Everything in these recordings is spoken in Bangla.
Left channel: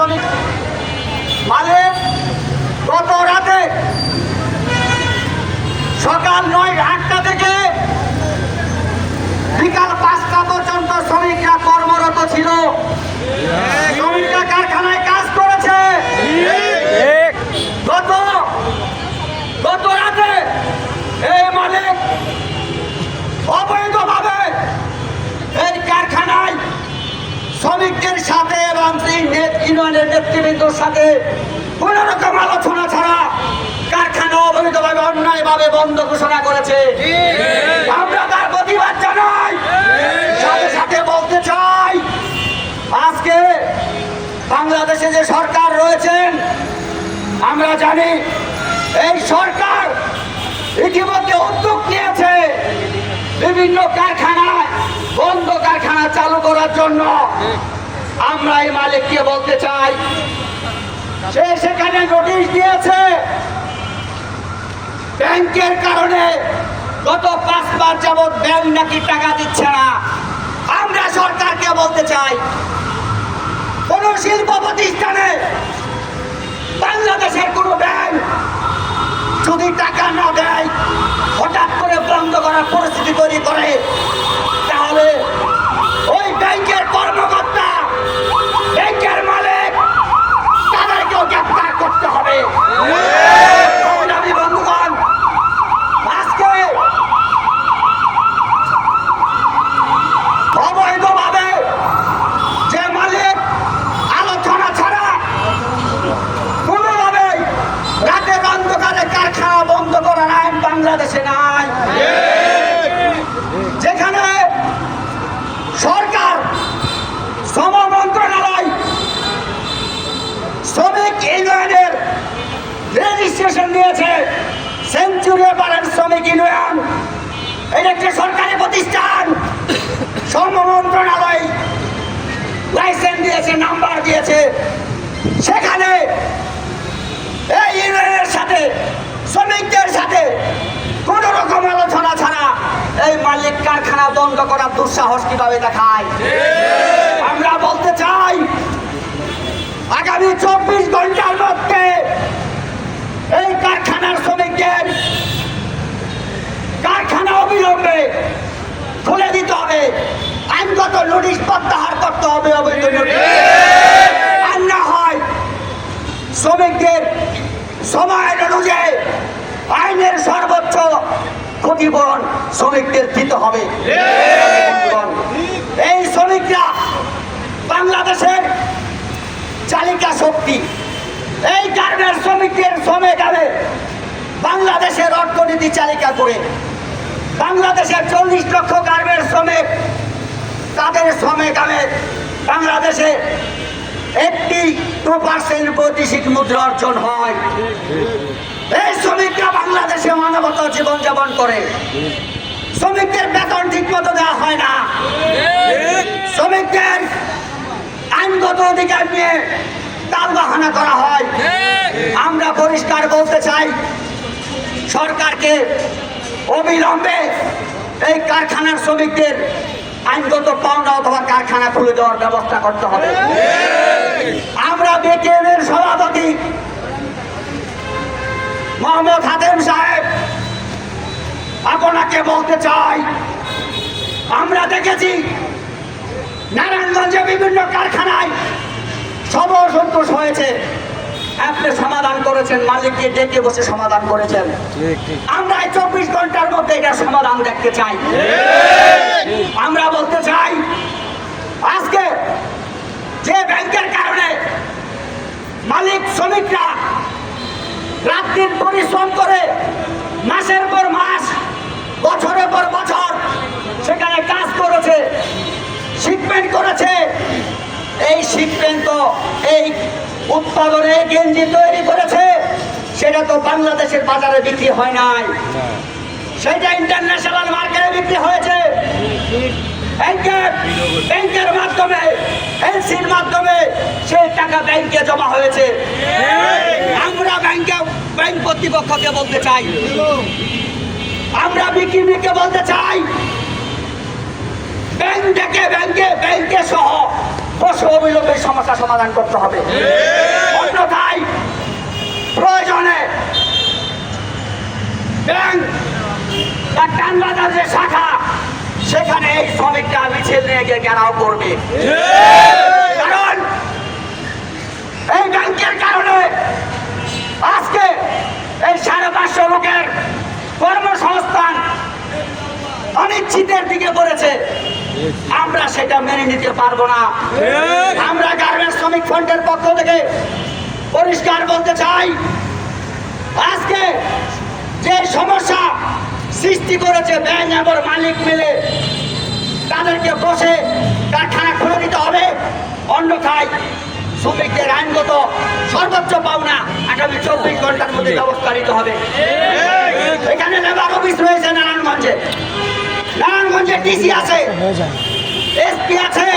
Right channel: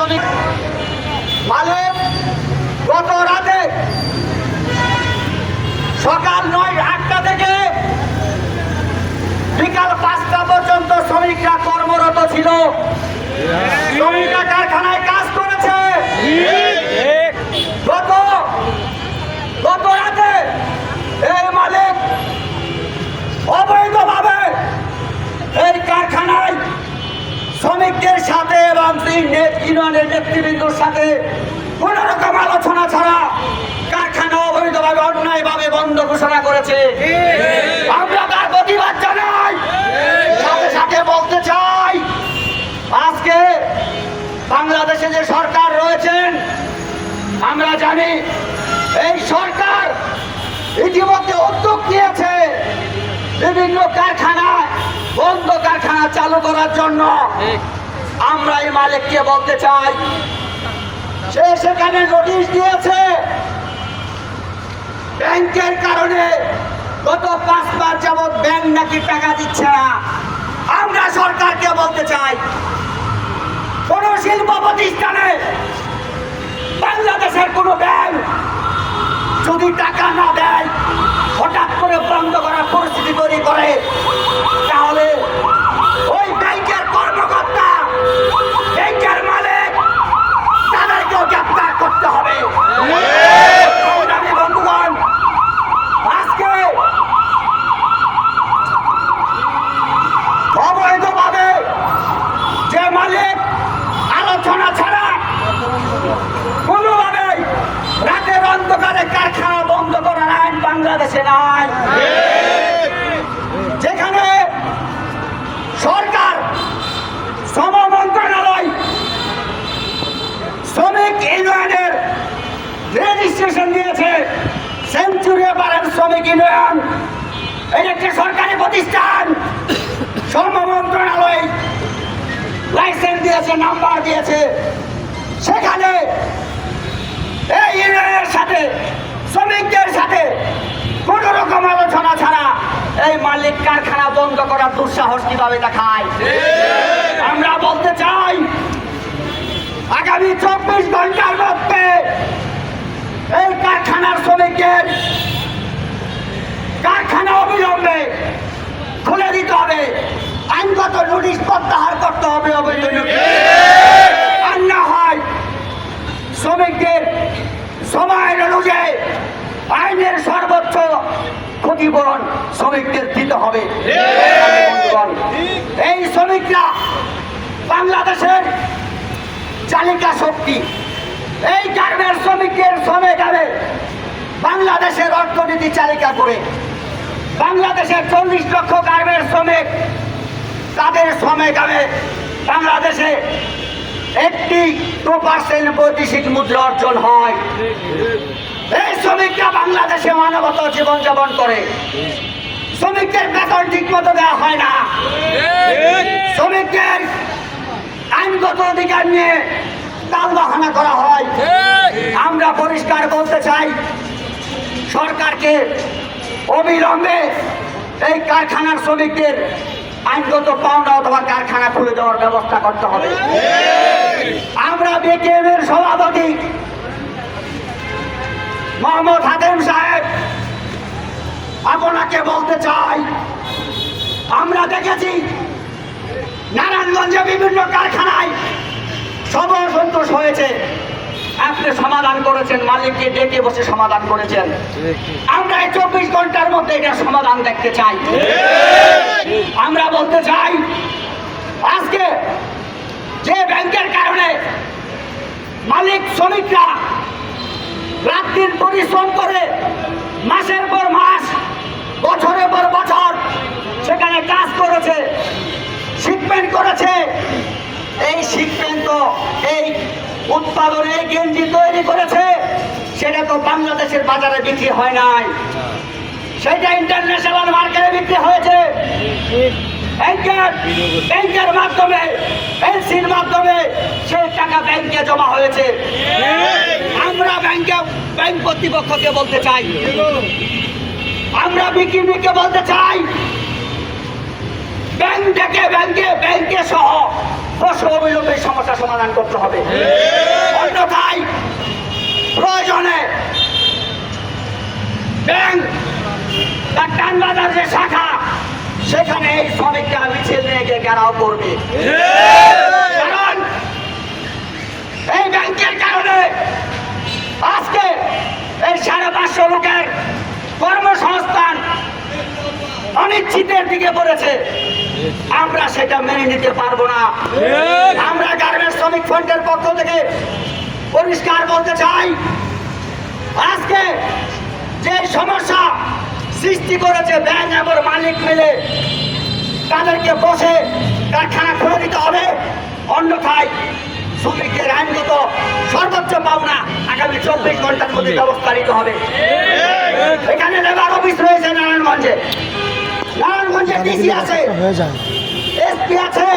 শ্রমিক মালিক গত রাতে সকাল 8টা থেকে বিকাল 5টা পর্যন্ত শ্রমিকরা কর্মরত ছিল। শ্রমিকরা কারখানায় কাজ করেছে। গত রাতে এই মালিক অবৈধভাবে এই কারখানায় শ্রমিকদের সাথে এবং ইউনিয়নের নেতৃবৃন্দর সাথে কোন রকম আলোচনা ছাড়া কারখানা অবৈধভাবে অন্যায়ভাবে বন্ধ ঘোষণা করেছে। আমরা তার প্রতিবাদ জানাই। সাথে সাথে বলতে চাই, আজকে বাংলাদেশে যে সরকার রয়েছেন, আমরা জানি এই সরকার ইতিমধ্যে উদ্যোগ নিয়েছে বিভিন্ন কারখানায় বন্ধ কারখানা চালু করার জন্য। আমরা এই মালিককে বলতে চাই, সে সেখানে নোটিশ দিয়েছে। ব্যাংকের কারণে গত 5 বার যাবৎ ব্যাংক নাকি টাকা দিচ্ছে না। আমরা সরকারকে বলতে চাই, কোন শিল্প প্রতিষ্ঠানে বাংলাদেশের কোন ব্যাংক যদি টাকা না দেয়, হঠাৎ করে বন্ধ করার পরিস্থিতি তৈরি করে, তাহলে ওই ব্যাংকের কর্মকর্তা, ব্যাংকের মালিক, তাদেরকেও গ্রেফতার করতে হবে। বন্ধুগণ, আজকে অবৈধভাবে যে মালিক আলোচনা ছাড়া কোনোভাবে রাতের অন্ধকারে কারখানা বন্ধ করার আইন বাংলাদেশে নাই। যেখানে সরকার, শ্রম মন্ত্রণালয় শ্রমিক ইউনিয়নের রেজিস্ট্রেশন নিয়েছে, সেঞ্চুরি পাড়ার শ্রমিক ইউনিয়ন, এটা একটি সরকারি প্রতিষ্ঠান। শ্রম মন্ত্রণালয় লাইসেন্স দিয়েছে, নাম্বার দিয়েছে। সেখানে এই ইউনিয়নের সাথে, শ্রমিকদের সাথে কোন রকম আলোচনা ছাড়া এই মালিক কারখানা বন্ধ করার দুঃসাহস কিভাবে দেখায়? আমরা বলতে চাই, আগামী 24 ঘন্টার মধ্যে এই কারখানার শ্রমিকদের কারখানা অবিলম্বে খুলে দিতে হবে। আইনগত নোটিশ প্রত্যাহার করতে হবে অবৈধ নোটিশ। আর না হয় শ্রমিকদের সময়ের অনুযায়ী আইনের সর্বোচ্চ ক্ষতিপূরণ শ্রমিকদের দিতে হবে। এই শ্রমিকরা বাংলাদেশের চালিকা শক্তি। এই গার্মেন্টস শ্রমিকদের শ্রমে গেলে বাংলাদেশের অর্থনীতি চালিকা করে। বাংলাদেশের 40 লক্ষ গার্মেন্টস শ্রমিক, তাদের শ্রমে গেলে বাংলাদেশে 82% বৈদেশিক মুদ্রা অর্জন হয়। এই শ্রমিকরা বাংলাদেশে মানবত জীবনযাপন করে। শ্রমিকদের বেতন ঠিক মতো দেওয়া হয় না। শ্রমিকদের আইনগত অধিকার নিয়ে টালবাহানা করা হয়। আমরা পরিষ্কার বলতে চাই, সরকারকে অবিলম্বে এই কারখানার শ্রমিকদের আইনগত পাওনা অথবা কারখানা খুলে দেওয়ার ব্যবস্থা করতে হবে। আমরা বিকেএমের সভাপতি মোহাম্মদ হাতেম সাহেব, আপনাকে বলতে চাই, আমরা দেখেছি নারায়ণগঞ্জে বিভিন্ন কারখানায় সব অসন্তোষ হয়েছে। আপনি সমাধান করেছেন, মালিককে ডেকে বসে সমাধান করেছেন। আমরা এই 24 ঘন্টার মধ্যে এটা সমাধান দেখতে চাই। আমরা বলতে চাই, আজকে যে ব্যাংকের কারণে মালিক শ্রমিকরা রাত দিন পরিশ্রম করে মাসের পর মাস, বছরের পর বছর সেখানে কাজ করেছে, শিপমেন্ট করেছে। এই শিপমেন্ট তো এই উৎপাদনে গেঞ্জি তৈরি করেছে, সেটা তো বাংলাদেশের বাজারে বিক্রি হয় নাই, সেটা ইন্টারন্যাশনাল মার্কেটে বিক্রি হয়েছে। ব্যাংকের মাধ্যমে, এলসির মাধ্যমে সেই টাকা ব্যাংকে জমা হয়েছে। আমরা ব্যাংক কর্তৃপক্ষকে বলতে চাই, আমরা বিকিমিকে বলতে চাই, ব্যাংকে সহ বসে অবিলম্বে সমস্যা সমাধান করতে হবে। অন্যথায় প্রয়োজনে ব্যাংক বা টানবাজার যে শাখা সেখানে এই শ্রমিকরা মিছিল নিয়ে গিয়ে ঘেরাও করবে। কারণ এই ব্যাংকের কারণে আজকে এই 550 লোকের কর্মসংস্থান অনিশ্চিতের দিকে পড়েছে। আমরা সেটা মেনে নিতে পারবো না। আমরা গার্মেন্টস শ্রমিক ফ্রন্টের পক্ষ থেকে পরিষ্কার বলতে চাই, আজকে যে সমস্যা সৃষ্টি করেছে ব্যাংক এবং মালিক মিলে, তাদেরকে বসে কারখানা খুলে দিতে হবে। অন্যথায় শ্রমিকদের আইনগত সর্বোচ্চ পাওনা আগামী 24 ঘন্টার মধ্যে ব্যবস্থা নিতে হবে। এখানে লেবার অফিস রয়েছে নারায়ণগঞ্জে, নারায়ণগঞ্জে ডিসি আছে, এসপি আছে,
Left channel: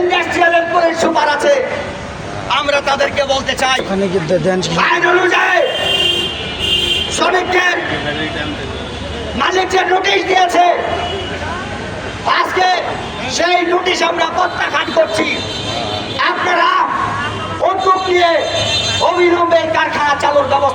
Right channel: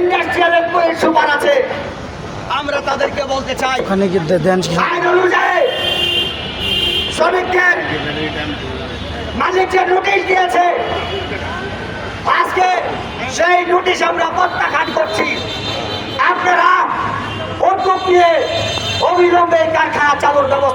ইন্ডাস্ট্রিয়াল পুলিশ সুপার আছে। আমরা তাদেরকে বলতে চাই, আইন অনুযায়ী শ্রমিকদের মালিক যে নোটিশ দিয়েছে, আজকে সেই নোটিশ আমরা প্রত্যাখ্যান করছি। আপনারা উদ্যোগ নিয়ে অবিলম্বে কারখানা চালুর ব্যবস্থা